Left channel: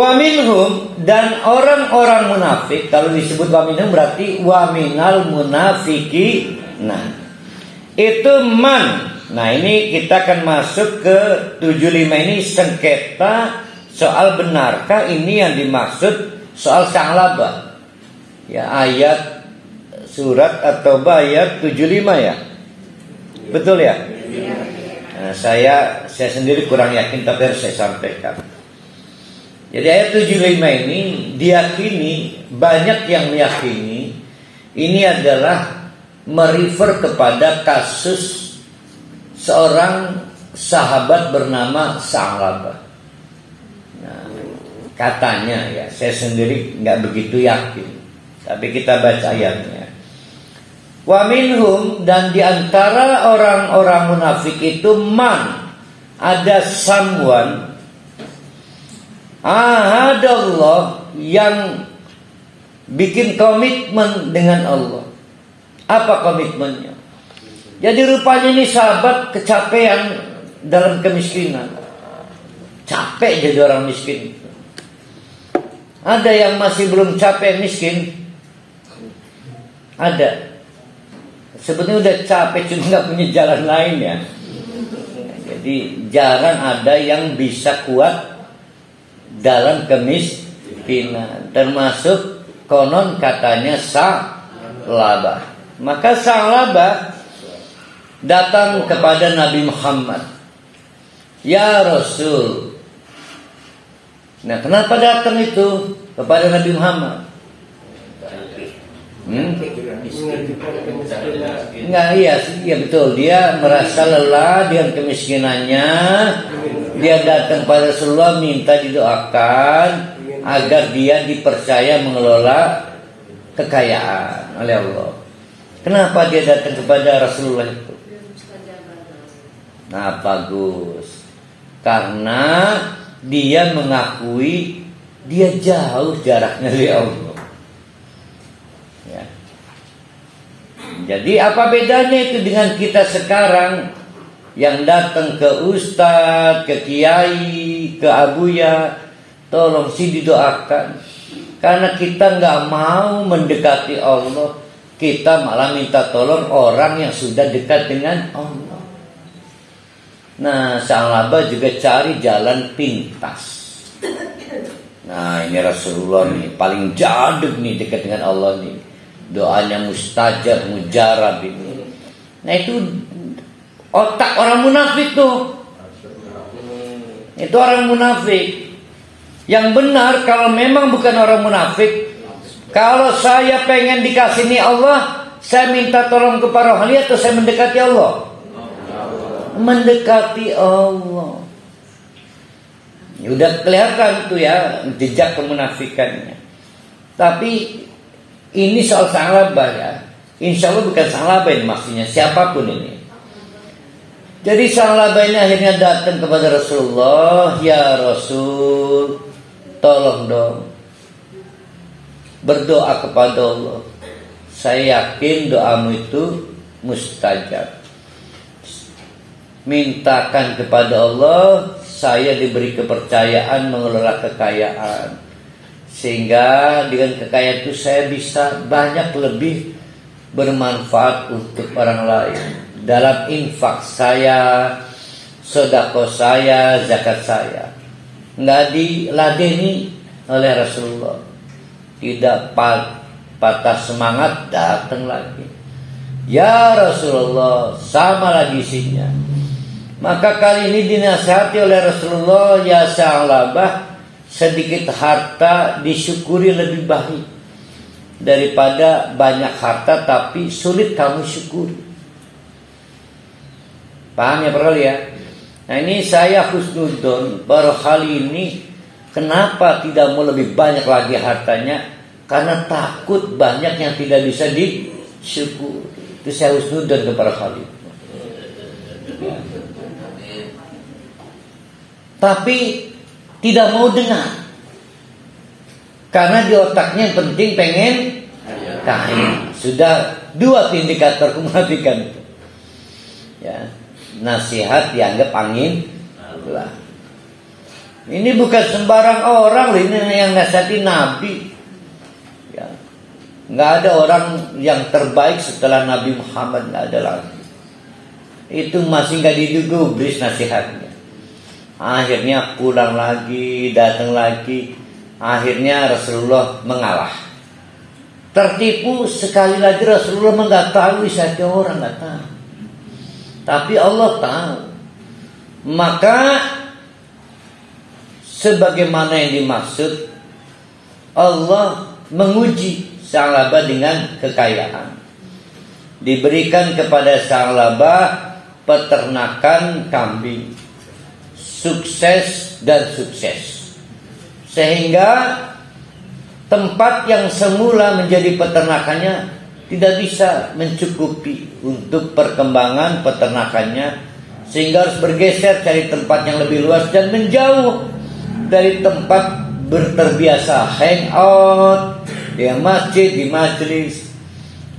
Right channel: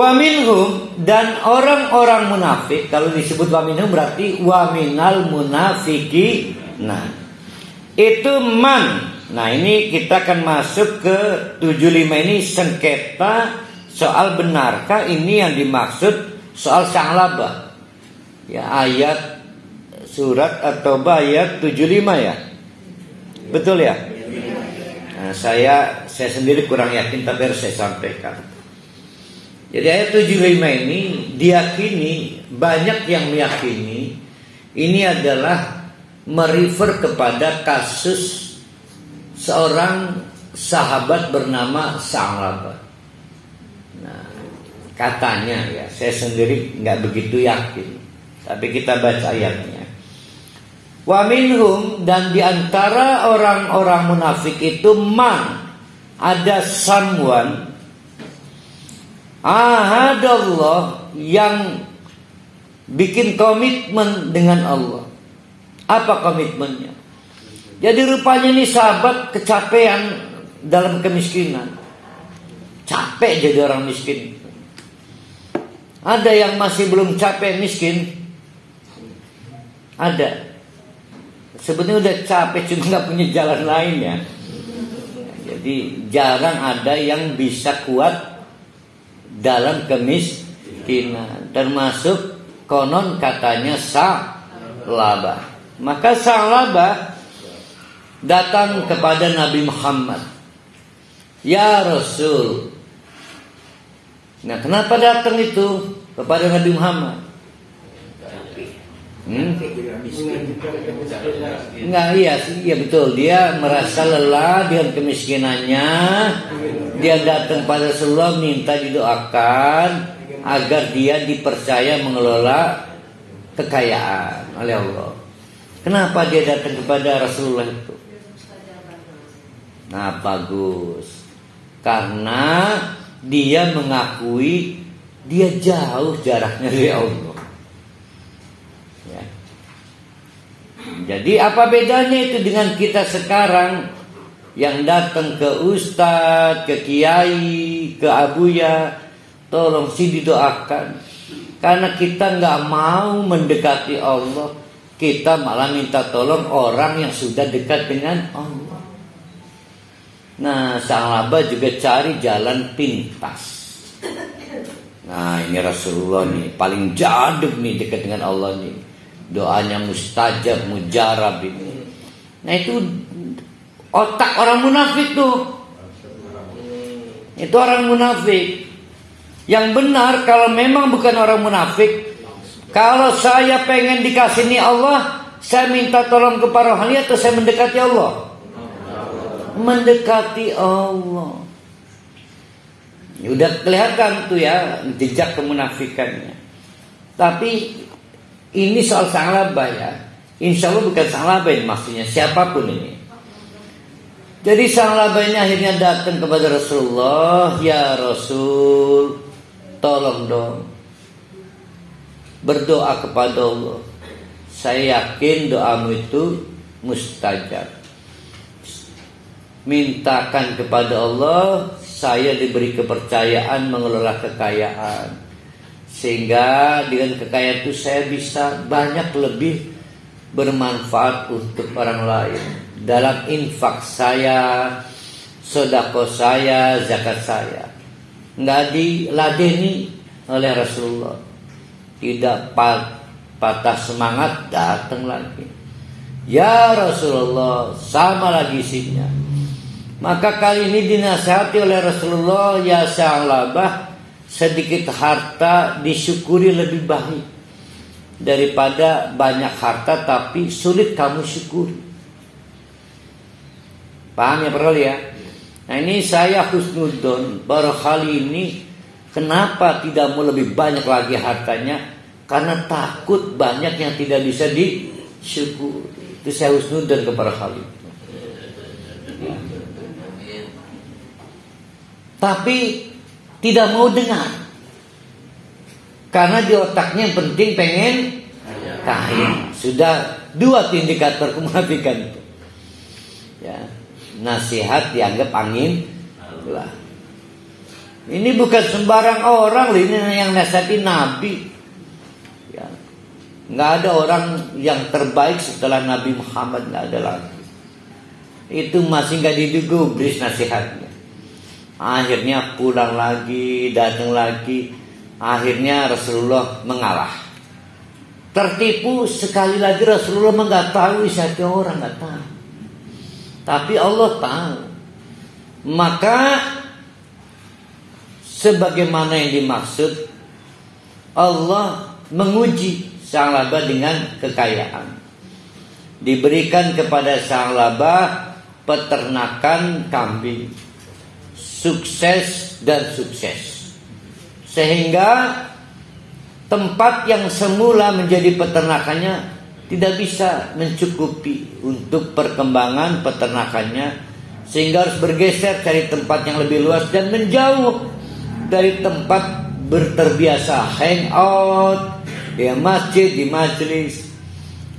Wa minhum, dan orang-orang munafik. Kalau disebut wa minhum berarti wa minal munafiki. Nah, itu man. Nah, ini kita akan masuk ke 75 ini, sengketa soal benarkah ini yang dimaksud soal Sa'labah. Ya, ayat surat At-Taubah ayat 75 ya. Betul ya? Nah, saya sendiri kurang yakin, tapi harus saya sampaikan. Jadi ayat 75 ini diyakini, banyak yang meyakini ini adalah merefer kepada kasus seorang sahabat bernama Sa'labah. Nah, katanya ya, saya sendiri nggak begitu yakin, tapi kita baca ayatnya. Wa minhum, dan diantara orang-orang munafik itu man, ada someone ahadallah, yang bikin komitmen dengan Allah. Apa komitmennya? Jadi rupanya ini sahabat kecapean dalam kemiskinan, capek jadi orang miskin. Ada yang masih belum capek miskin? Ada. Sebetulnya udah capek, cuma nggak punya jalan lain ya. Jadi jarang ada yang bisa kuat dalam kemiskinan, termasuk konon katanya Sa'labah. Maka Sa'labah datang kepada Nabi Muhammad, ya Rasul. Nah, kenapa datang itu kepada Nabi Muhammad? Enggak, iya betul. Dia merasa lelah dengan kemiskinannya. Dia datang pada Rasulullah minta didoakan agar dia dipercaya mengelola kekayaan oleh Allah. Kenapa dia datang kepada Rasulullah itu? Nah, bagus. Karena dia mengakui dia jauh jaraknya dari Allah. Ya. Jadi apa bedanya itu dengan kita sekarang yang datang ke ustadz, ke kiai, ke abuya, tolong sih didoakan. Karena kita nggak mau mendekati Allah, kita malah minta tolong orang yang sudah dekat dengan Allah. Nah, Sa'labah juga cari jalan pintas. Nah, ini Rasulullah nih paling jaduk nih dekat dengan Allah nih. Doanya mustajab, mujarab ini. Nah, itu otak orang munafik tuh. Itu orang munafik. Yang benar kalau memang bukan orang munafik, kalau saya pengen dikasih nih Allah, saya minta tolong kepada rohani atau saya mendekati Allah? Mendekati Allah. Udah kelihatan tuh ya jejak kemunafikannya. Tapi ini soal Sa'labah ya. Insya Allah bukan Sa'labah ini maksudnya, siapapun ini. Jadi Sa'labah ini akhirnya datang kepada Rasulullah, ya Rasul, tolong dong berdoa kepada Allah. Saya yakin doamu itu mustajab. Mintakan kepada Allah saya diberi kepercayaan mengelola kekayaan, sehingga dengan kekayaan itu saya bisa banyak lebih bermanfaat untuk orang lain dalam infak saya, sedekah saya, zakat saya. Nggak diladeni oleh Rasulullah. Tidak patah semangat, datang lagi, ya Rasulullah, sama lagi isinya. Maka kali ini dinasihati oleh Rasulullah, ya Sa'labah, sedikit harta disyukuri lebih baik daripada banyak harta tapi sulit kamu syukuri. Paham ya perlu ya? Nah, ini saya husnudon baru kali ini. Kenapa tidak mau lebih banyak lagi hartanya? Karena takut banyak yang tidak bisa disyukuri. Itu saya husnudon kepada kali. Tapi tidak mau dengar. Karena di otaknya yang penting pengen kaya. Sudah dua indikator kemunafikan itu. Ya, nasihat dianggap angin belah. Ini bukan sembarang orang, ini yang nasihati Nabi. Ya. Nggak ada orang yang terbaik setelah Nabi Muhammad, nggak ada lagi. Itu masih nggak digubris nasihatnya. Akhirnya pulang lagi, datang lagi. Akhirnya Rasulullah mengalah. Tertipu sekali lagi Rasulullah nggak tahu siapa orang, nggak tahu. Tapi Allah tahu. Maka sebagaimana yang dimaksud, Allah menguji Sa'labah dengan kekayaan. Diberikan kepada Sa'labah peternakan kambing, sukses dan sukses, sehingga tempat yang semula menjadi peternakannya tidak bisa mencukupi untuk perkembangan peternakannya, sehingga harus bergeser cari tempat yang lebih luas dan menjauh dari tempat berterbiasa hangout di masjid, di majelis.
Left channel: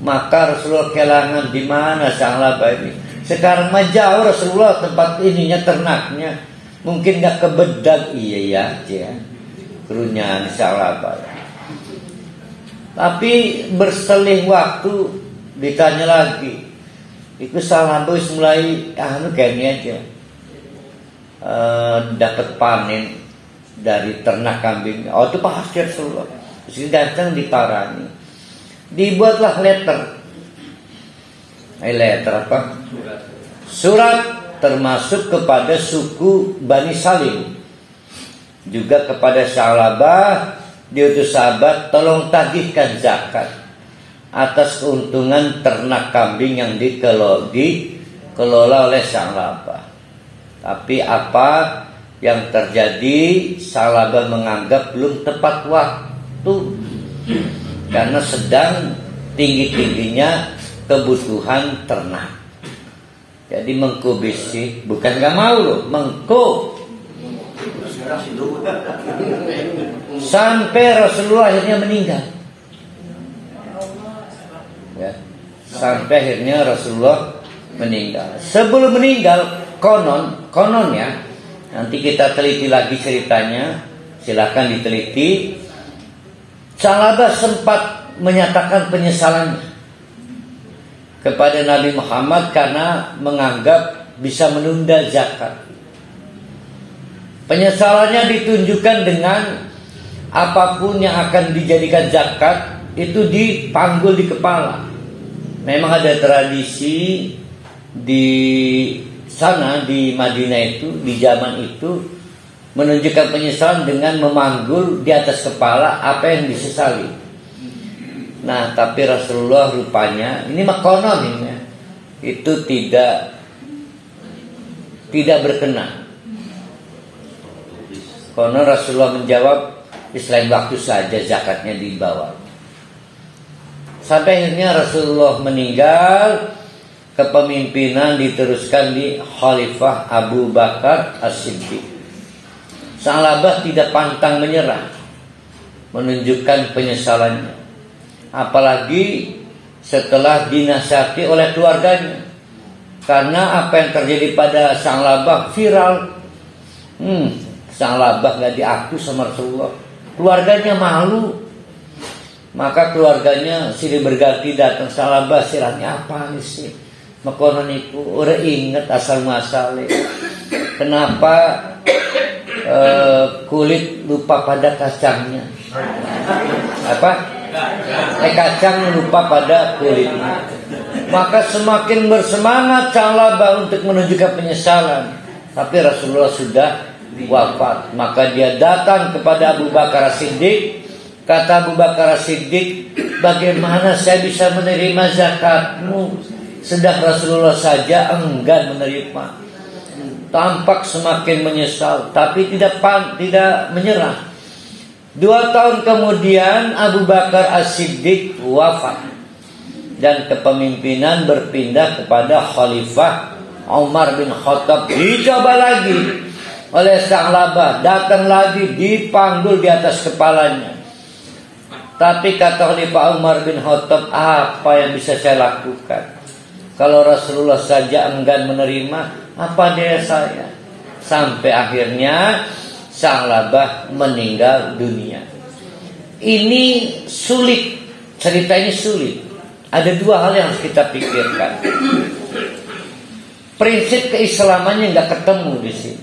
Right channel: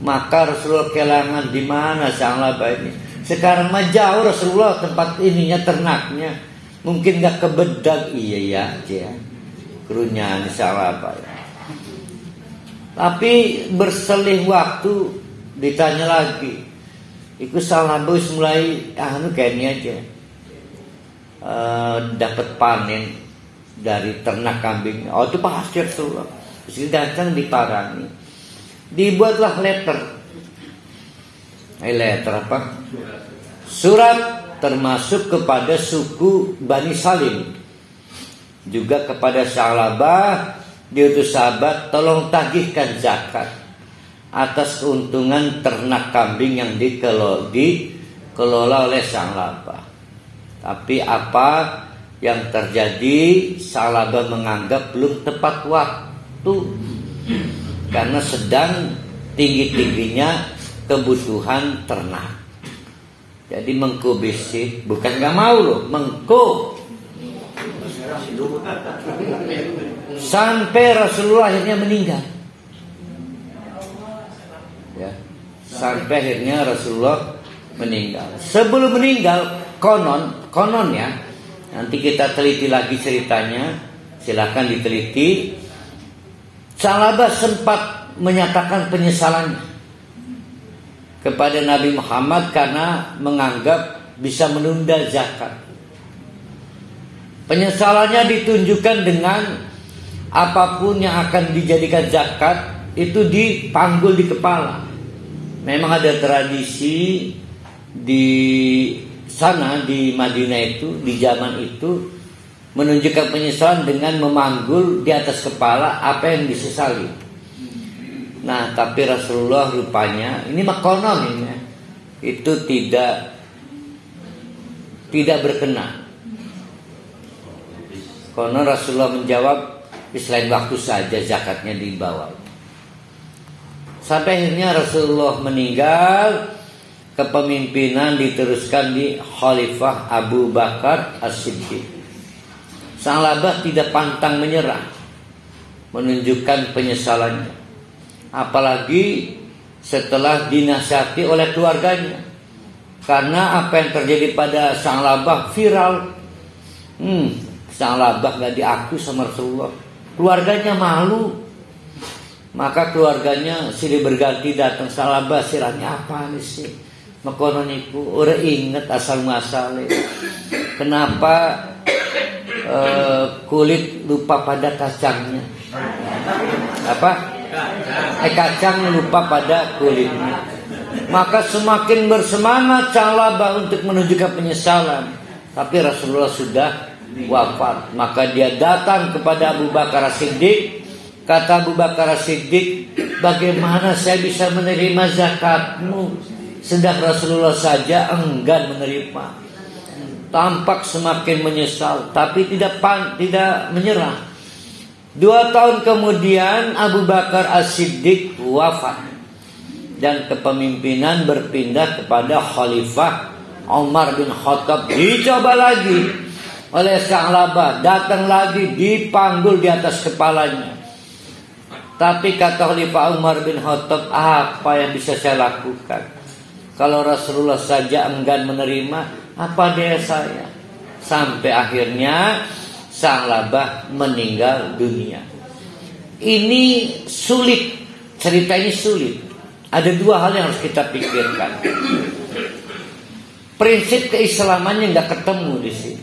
Maka Rasulullah kehilangan di mana Sa'labah ini. Sekarang mah jauh Rasulullah tempat ininya, ternaknya. Mungkin gak kebedak, iya ya, kerunyaan Sa'labah. Tapi berseling waktu ditanya lagi, itu Sa'labah mulai kayaknya aja dapat panen dari ternak kambing. Oh itu pasti Rasulullah. Terus datang diparani, dibuatlah letter apa? Surat, termasuk kepada suku Bani Salim, juga kepada Sa'labah. Diutus sahabat, tolong tagihkan zakat atas keuntungan ternak kambing yang dikelola oleh Sa'labah. Tapi apa yang terjadi, Sa'labah menganggap belum tepat waktu, karena sedang tinggi-tingginya kebutuhan ternak. Jadi mengkubisi, bukan gak mau loh, mengko. Sampai Rasulullah akhirnya meninggal. Ya, sampai akhirnya Rasulullah meninggal. Sebelum meninggal, kononnya, nanti kita teliti lagi ceritanya, silakan diteliti. Sa'labah sempat menyatakan penyesalannya kepada Nabi Muhammad karena menganggap bisa menunda zakat. Penyesalannya ditunjukkan dengan apapun yang akan dijadikan zakat itu dipanggul di kepala. Memang ada tradisi di sana, di Madinah itu, di zaman itu, menunjukkan penyesalan dengan memanggul di atas kepala apa yang disesali. Nah, tapi Rasulullah rupanya, ini makonon ini, itu tidak berkenan. Karena Rasulullah menjawab, selain waktu saja zakatnya dibawa. Sampai akhirnya Rasulullah meninggal, kepemimpinan diteruskan di Khalifah Abu Bakar As-Siddiq. Sa'labah tidak pantang menyerah, menunjukkan penyesalannya. Apalagi setelah dinasihati oleh keluarganya. Karena apa yang terjadi pada Sa'labah viral. Sa'labah gak diakui sama Rasulullah. Keluarganya malu. Maka keluarganya silih berganti datang. Sa'labah silahnya apa nih sih? Makonon itu orang ingat asal muasalnya. Kenapa kulit lupa pada kacangnya? Apa? Kacang lupa pada kulitnya. Maka semakin bersemangat Sa'labah untuk menunjukkan penyesalan. Tapi Rasulullah sudah wafat. Maka dia datang kepada Abu Bakar As-Siddiq. Kata Abu Bakar As-Siddiq, bagaimana saya bisa menerima zakatmu, sedang Rasulullah saja enggan menerima. Tampak semakin menyesal, tapi tidak menyerah. 2 tahun kemudian Abu Bakar As-Siddiq wafat, dan kepemimpinan berpindah kepada Khalifah Umar bin Khattab. Dicoba lagi oleh Sa'labah, datang lagi, dipanggul di atas kepalanya. Tapi kata Khalifah Umar bin Khattab, apa yang bisa saya lakukan? Kalau Rasulullah saja enggan menerima, apa daya saya? Sampai akhirnya Sa'labah meninggal dunia. Ini sulit, cerita ini sulit. Ada dua hal yang harus kita pikirkan. Prinsip keislamannya nggak ketemu di sini.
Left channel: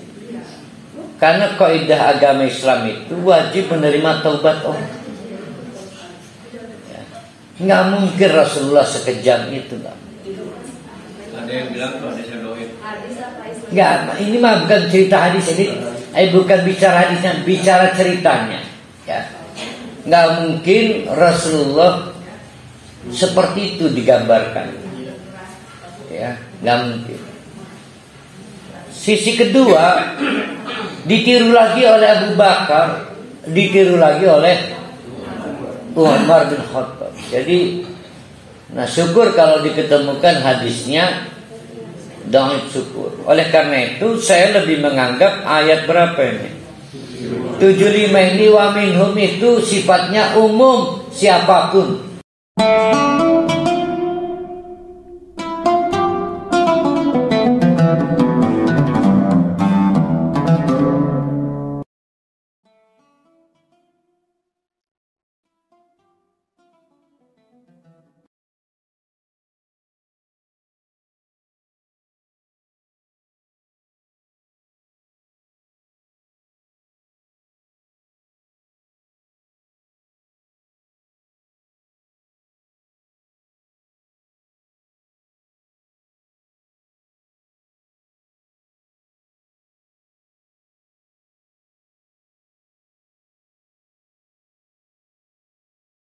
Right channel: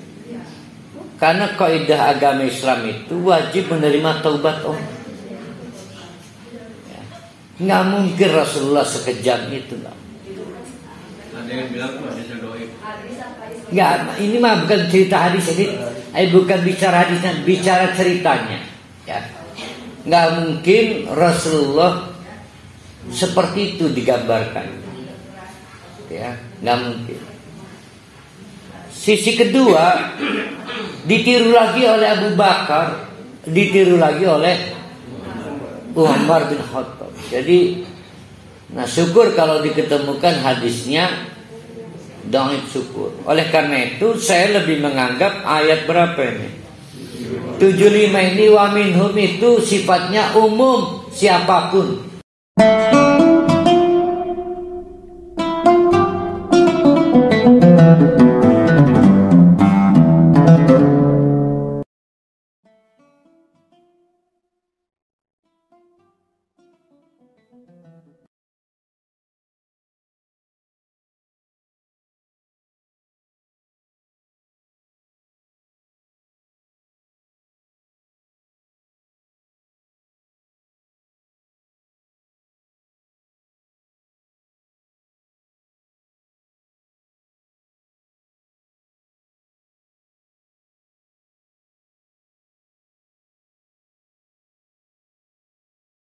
Karena kaidah agama Islam itu wajib menerima taubat orang. Nggak mungkin Rasulullah sekejam itu. Ada yang bilang hadisnya doib. Nggak, ini mah bukan cerita hadis ini. Bukan bicara hadisnya, bicara ceritanya. Ya. Nggak mungkin Rasulullah seperti itu digambarkan. Ya, nggak mungkin. Sisi kedua, ditiru lagi oleh Abu Bakar, ditiru lagi oleh Umar bin Khattab. Jadi, nah syukur kalau diketemukan hadisnya, dongeng syukur. Oleh karena itu, saya lebih menganggap ayat berapa ini? 75 ini wa minhum itu sifatnya umum siapapun.